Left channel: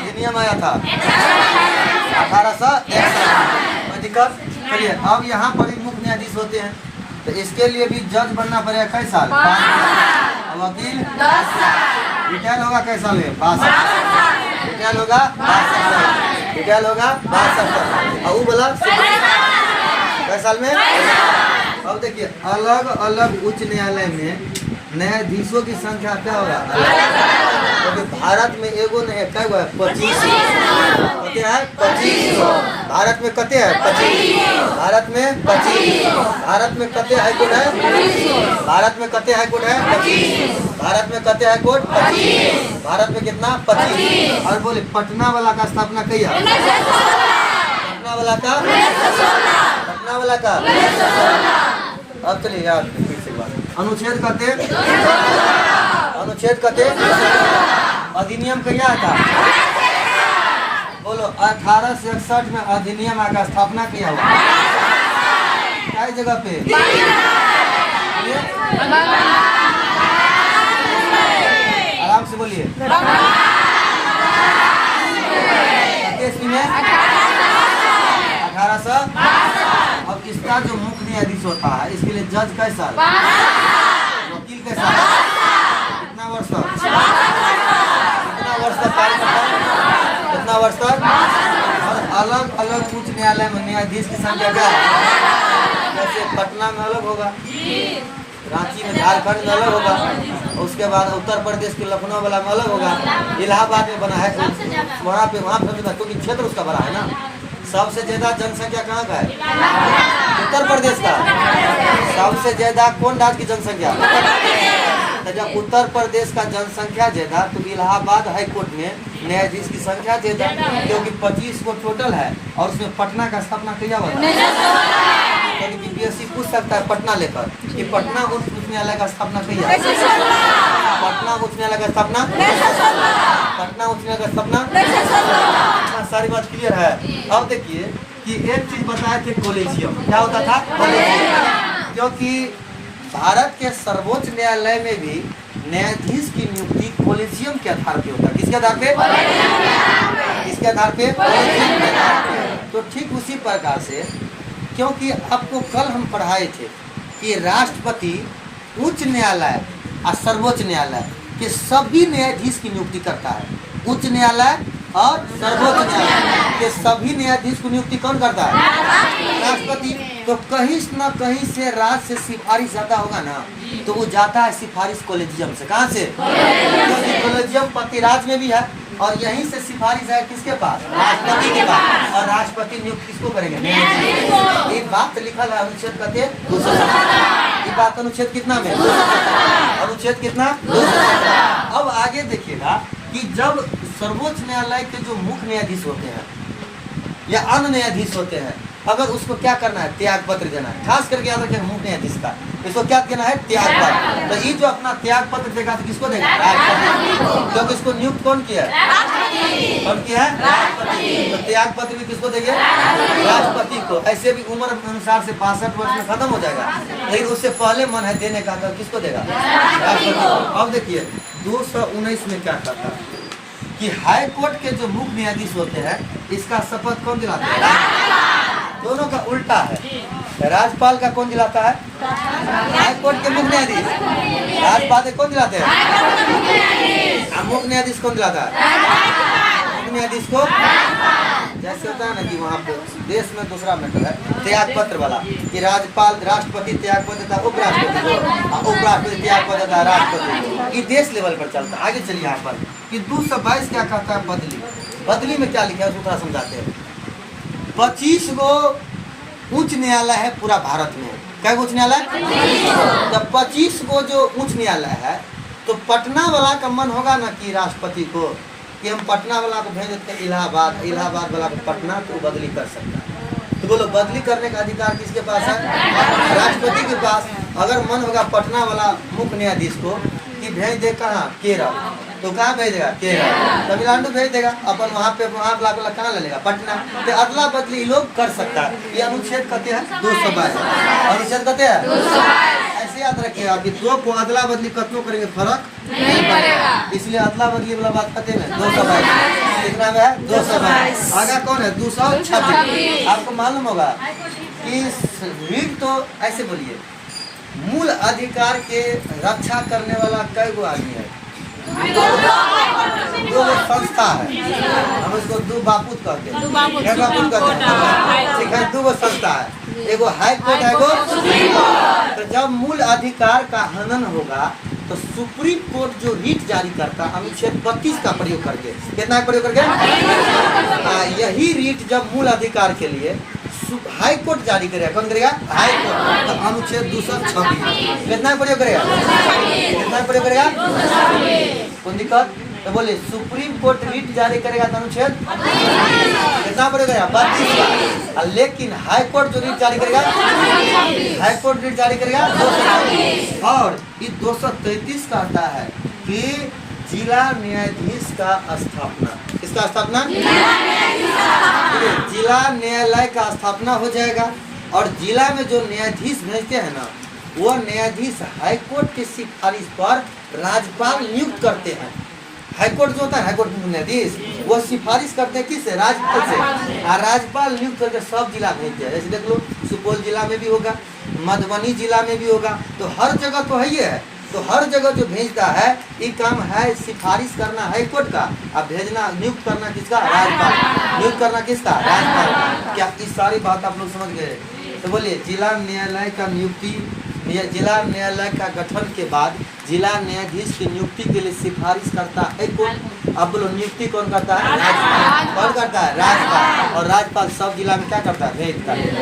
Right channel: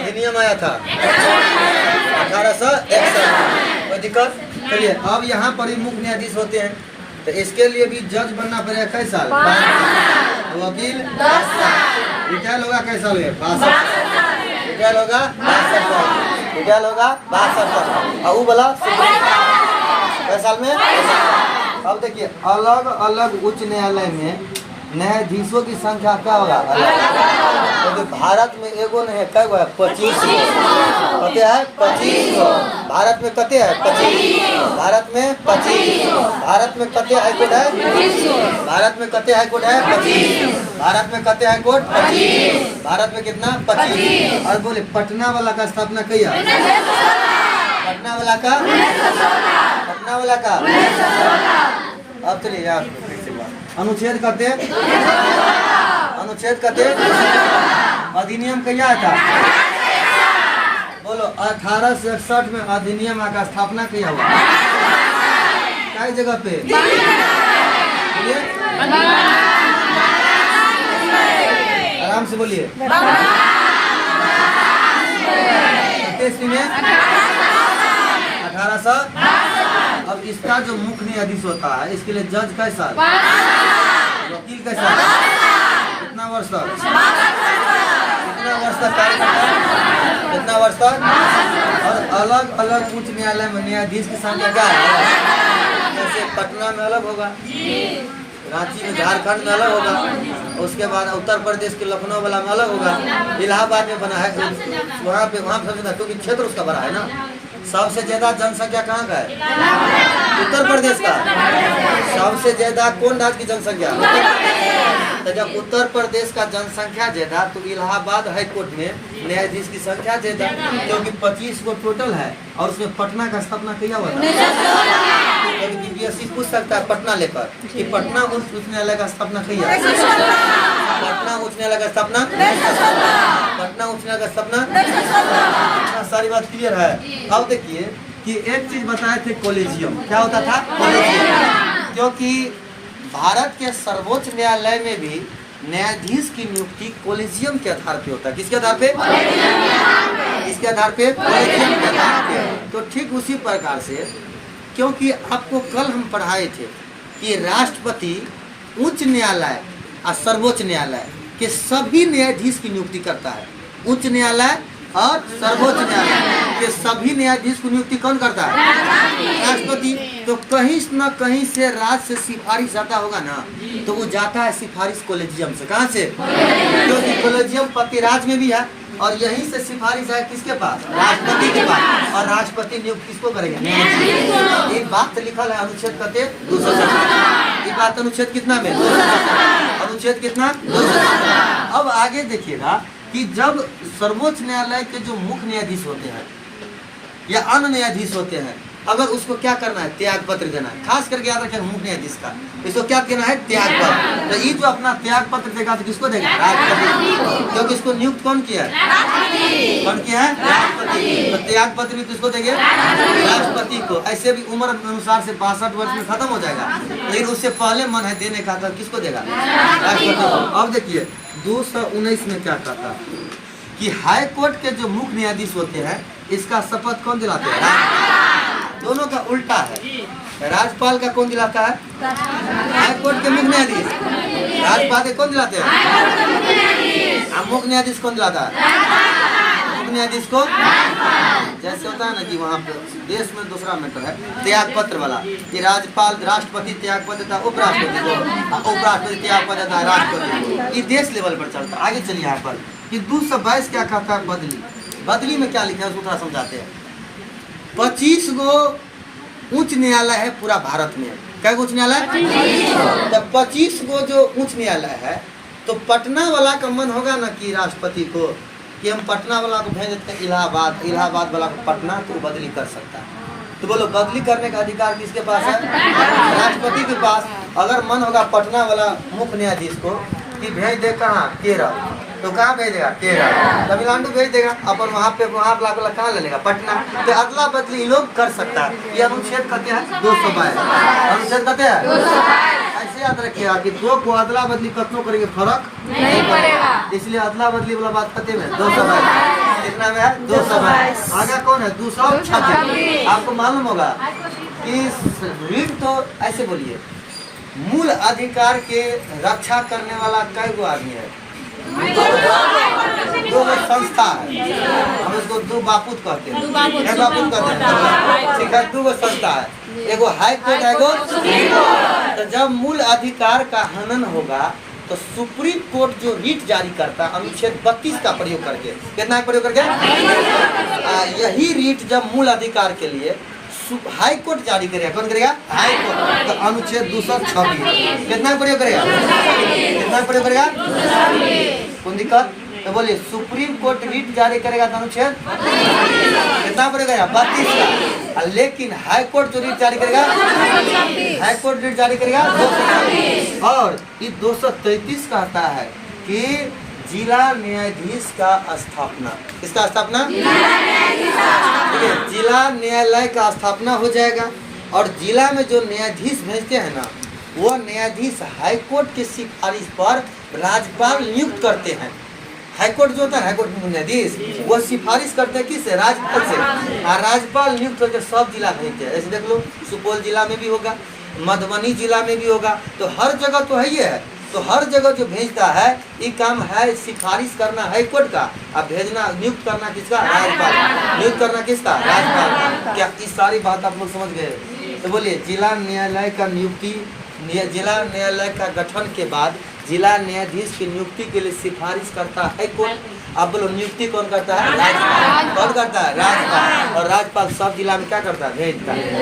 अधिनियम आया था 1861। कोई दिक्कत? चलिए अब यहाँ पर ही मुख्य न्यायाधीश होते हैं, तो इसके लिए भी जज बनना पड़ेगा। कई साल? वकील 10 साल। रिटायर होगा कई साल में? 62 साल। रिटायर होगा 62 साल। रिटायर होगा 62 साल। और वो बोला कई साल में? अब देखिए अलग अलग उच्च न्यायालय में न्यायाधीशों की संख्या क्या होगा? तो भारत में एगो नहीं है, क्या है? 25। कते है? 25। भारत में कते है? 25। भारत में 25। भारत में कते हाई कोर्ट है? भारत में कते हाई कोर्ट है? 25। भारत में कते हाई कोर्ट? 25। भारत में कितना? 25। और बोले पटना वाला का स्थापना कही है? पटना वाला का? पटना वाला का? अब चलिए यार अनुच्छेद कहते, अनुच्छेद कहते, अधिनियम कहिया था? बोलो 1861 में अधिनियम का स्थापना किया हुआ क्या जगह पे? आराम से बोलिए। में 1800। अब इसका जो मुख्य न्यायाधीश होता है इसके लिए जज कैसा? वकील कैसा? कितना वर्ष तक? कितना वर्ष तक कार्य करता है? कितना वर्ष तक? और अलग अलग उच्च न्यायालय में न्यायाधीश की संख्या क्या है? जैसे पटना में अलग होगा, रांची में, झारखंड में अलग होगा, उसके बाद उत्तर प्रदेश के लखनऊ वाला में अलग होगा, इलाहाबाद में बना है वहाँ पे, वहाँ समझना क्योंकि क्षेत्र उसका बड़ा है ना। सबसे ज्यादा जनसंख्या कहाँ का है? उत्तर प्रदेश का। सबसे ज्यादा कौन राज्य की जनसंख्या? तो जब उत्तर प्रदेश का जनसंख्या ज्यादा तो इलाहाबाद हाई कोर्ट में न्यायाधीश की संख्या ज्यादा, क्योंकि 25 को टोटल है और उसमें पटना का स्थापना किया हुआ है। बीपीएससी पूछ सकता है पटना लेकर कि पटना उच्च न्यायालय का स्थापना किया है? पटना उच्च न्यायालय का स्थापना, पटना उच्च न्यायालय का स्थापना। सारी बात क्लियर है। अब देखिए कि एक चीज बताए थे, कॉलेजियम क्या होता था? कॉलेजियम। क्योंकि भारत के सर्वोच्च न्यायालय में भी न्यायाधीश की नियुक्ति कॉलेजियम के आधार पे होता है। किसके आधार पे? किसके आधार पे? कॉलेजियम के आधार पे। तो ठीक उसी प्रकार से, क्योंकि आपको कल हम पढ़ाए थे कि राष्ट्रपति उच्च न्यायालय और सर्वोच्च न्यायालय के सभी न्यायाधीश की नियुक्ति करता है। उच्च न्यायालय और सर्वोच्च न्यायालय के सभी न्यायाधीश को नियुक्ति कौन करता है? राष्ट्रपति। तो कहीं न कहीं से राज्य से सिफारिश जाता होगा ना, तो वो जाता है सिफारिश कॉलेजियम से। कहाँ से? क्योंकि कॉलेजियम पति राज्य में भी है और यहीं से सिफारिश है किसके पास? राष्ट्रपति के पास। और राष्ट्रपति नियुक्त किसको करेंगे? एक बात लिखल है अनुच्छेद कहते 217। ये बात अनुच्छेद कितना में? अनुच्छेद कितना? अब आगे देखिएगा कि जब सर्वोच्च न्यायालय के जो मुख्य न्यायाधीश होते हैं या अन्य न्यायाधीश होते हैं, अगर उसको क्या करना है? त्याग पत्र देना है। खास करके याद रखें मुख्य न्यायाधीश का, इसको क्या देना है? त्याग पत्र। तो ये जो अपना त्याग पत्र देगा तो किसको देगा? राष्ट्रपति। क्योंकि इसको नियुक्त कौन किया है? कौन किया है? राष्ट्रपति। तो त्याग पत्र भी किसको देंगे? राष्ट्रपति को। ऐसे भी उम्र अनुसार से 62 वर्ष में खत्म हो जाएगा, लेकिन उससे पहले मन है देने का, तो किसको देगा? राष्ट्रपति। अब देखिए 219 में क्या कहता है कि हाई कोर्ट के जो मुख्य न्यायाधीश होते हैं इसका शपथ कौन दिलाते हैं? दोनों का उल्टा है। राज्यपाल का कौन दिलाता है? हाई कोर्ट के मुख्य न्यायाधीश। राज्यपाल के कौन दिलाते हैं? मुख्य न्यायाधीश कौन दिलाता है? मुख्य न्यायाधीश को। जैसे होता है ना कि वहाँ पे देश में दूसरा मैटर है त्याग पत्र वाला, कि राज्यपाल, राष्ट्रपति त्याग पत्र देता है उपराष्ट्रपति को, उपराष्ट्रपति त्याग पत्र देता है राष्ट्रपति को। ये देश लेवल पर चलता है। आगे चलिए यहाँ पर कि 222 क्या कहता है? बदली। बदली में क्या लिखा है उसको थोड़ा समझाते हैं। 25 गो उच्च न्यायालय है पूरा भारत में। क्या उच्च न्यायालय? जब 25 गो जो उच्च न्यायालय है तो पटना वाला का मन होगा ना कि राष्ट्रपति को कि हम पटना वाला को भेज देते हैं इलाहाबाद, इलाहाबाद वाला को पटना, तो वो बदली कर सकता है। तो बोलो बदली करने का अधिकार किसके पास है? राष्ट्रपति के पास। अगर मन होगा पटना वाला मुख्य न्यायाधीश को कि भेज दे कहाँ? केरल, तो कहाँ भेजेगा? केरल। तमिलनाडु भेज देगा, अपन वहाँ पे वहाँ वाला कहाँ ले लेगा? पटना। तो अदला बदली लोग कर सकता है। ये अनुच्छेद कहते हैं 222। अनुच्छेद कहते हैं। ऐसे याद रखिएगा कि दो को अदला बदली कतनों करेंगे फर्क नहीं पड़ेगा, इसलिए अदला बदली वाला बात कहते हैं 222। कितना में है 222। आगे कौन है 226। आपको मालूम होगा कि रीट तो ऐसे बोलिए, मूल अधिकार के रक्षा करने वाला कई गो आदमी है? दो संस्था है, हम इसको दो बापूत कहते हैं। ठीक है, दो संस्था है, एगो हाई कोर्ट है, एगो सुप्रीम कोर्ट। तो जब मूल अधिकार का हनन होगा तो सुप्रीम कोर्ट जो रीट जारी करता है अनुच्छेद 32 का प्रयोग करके, कितना प्रयोग करके, यही रीट जब मूल अधिकार के लिए हाई कोर्ट जारी करेगा, कौन करेगा? High court. तो अनुच्छेद 226 कितना प्रयोग करेगा? कितना प्रयोग करेगा? कौन दिक्कत? तो बोलिए सुप्रीम कोर्ट रीट जारी करेगा तो अनुच्छेद कितना प्रयोग करेगा? 32 का। लेकिन हाई कोर्ट जो रीट जारी करेगा, हाई कोर्ट रीट जारी करेगा 233। और ये 233 कहता है कि जिला न्यायाधीश का स्थापना, इसका स्थापना, जिला न्यायालय का स्थापना हो जाएगा। और जिला में जो न्यायाधीश भेजते हैं ना, वो न्यायाधीश हाईकोर्ट की सिफारिश पर राज्यपाल नियुक्त करते हैं। हाईकोर्ट जो होता है, हाईकोर्ट न्यायाधीश, वो सिफारिश करते हैं किससे? राज्यपाल से। राज्यपाल नियुक्त करके सब जिला भेजते हैं। जैसे देख लो, सुपौल जिला में भी होगा, मधुबनी जिला में भी होगा, तो हर जगह तो है ही है। तो हर जगह जो भेजता है, ये काम है सिफारिश करना हाई कोर्ट का, अब भेजना नियुक्त करना किसका? राज्यपाल। नियुक्त करना किसका? राज्यपाल। क्या इस सारी बात आप लोग समझ गए? तो बोलिए जिला न्यायालय का नियुक्ति, जिला न्यायालय का गठन के बाद जिला न्यायाधीश की नियुक्ति के लिए सिफारिश करता है हाई कोर्ट। अब बोलो नियुक्ति कौन करता है? राज्यपाल। कौन करता है? राज्यपाल। और राज्यपाल सब जिला में क्या करता है? भेजता है।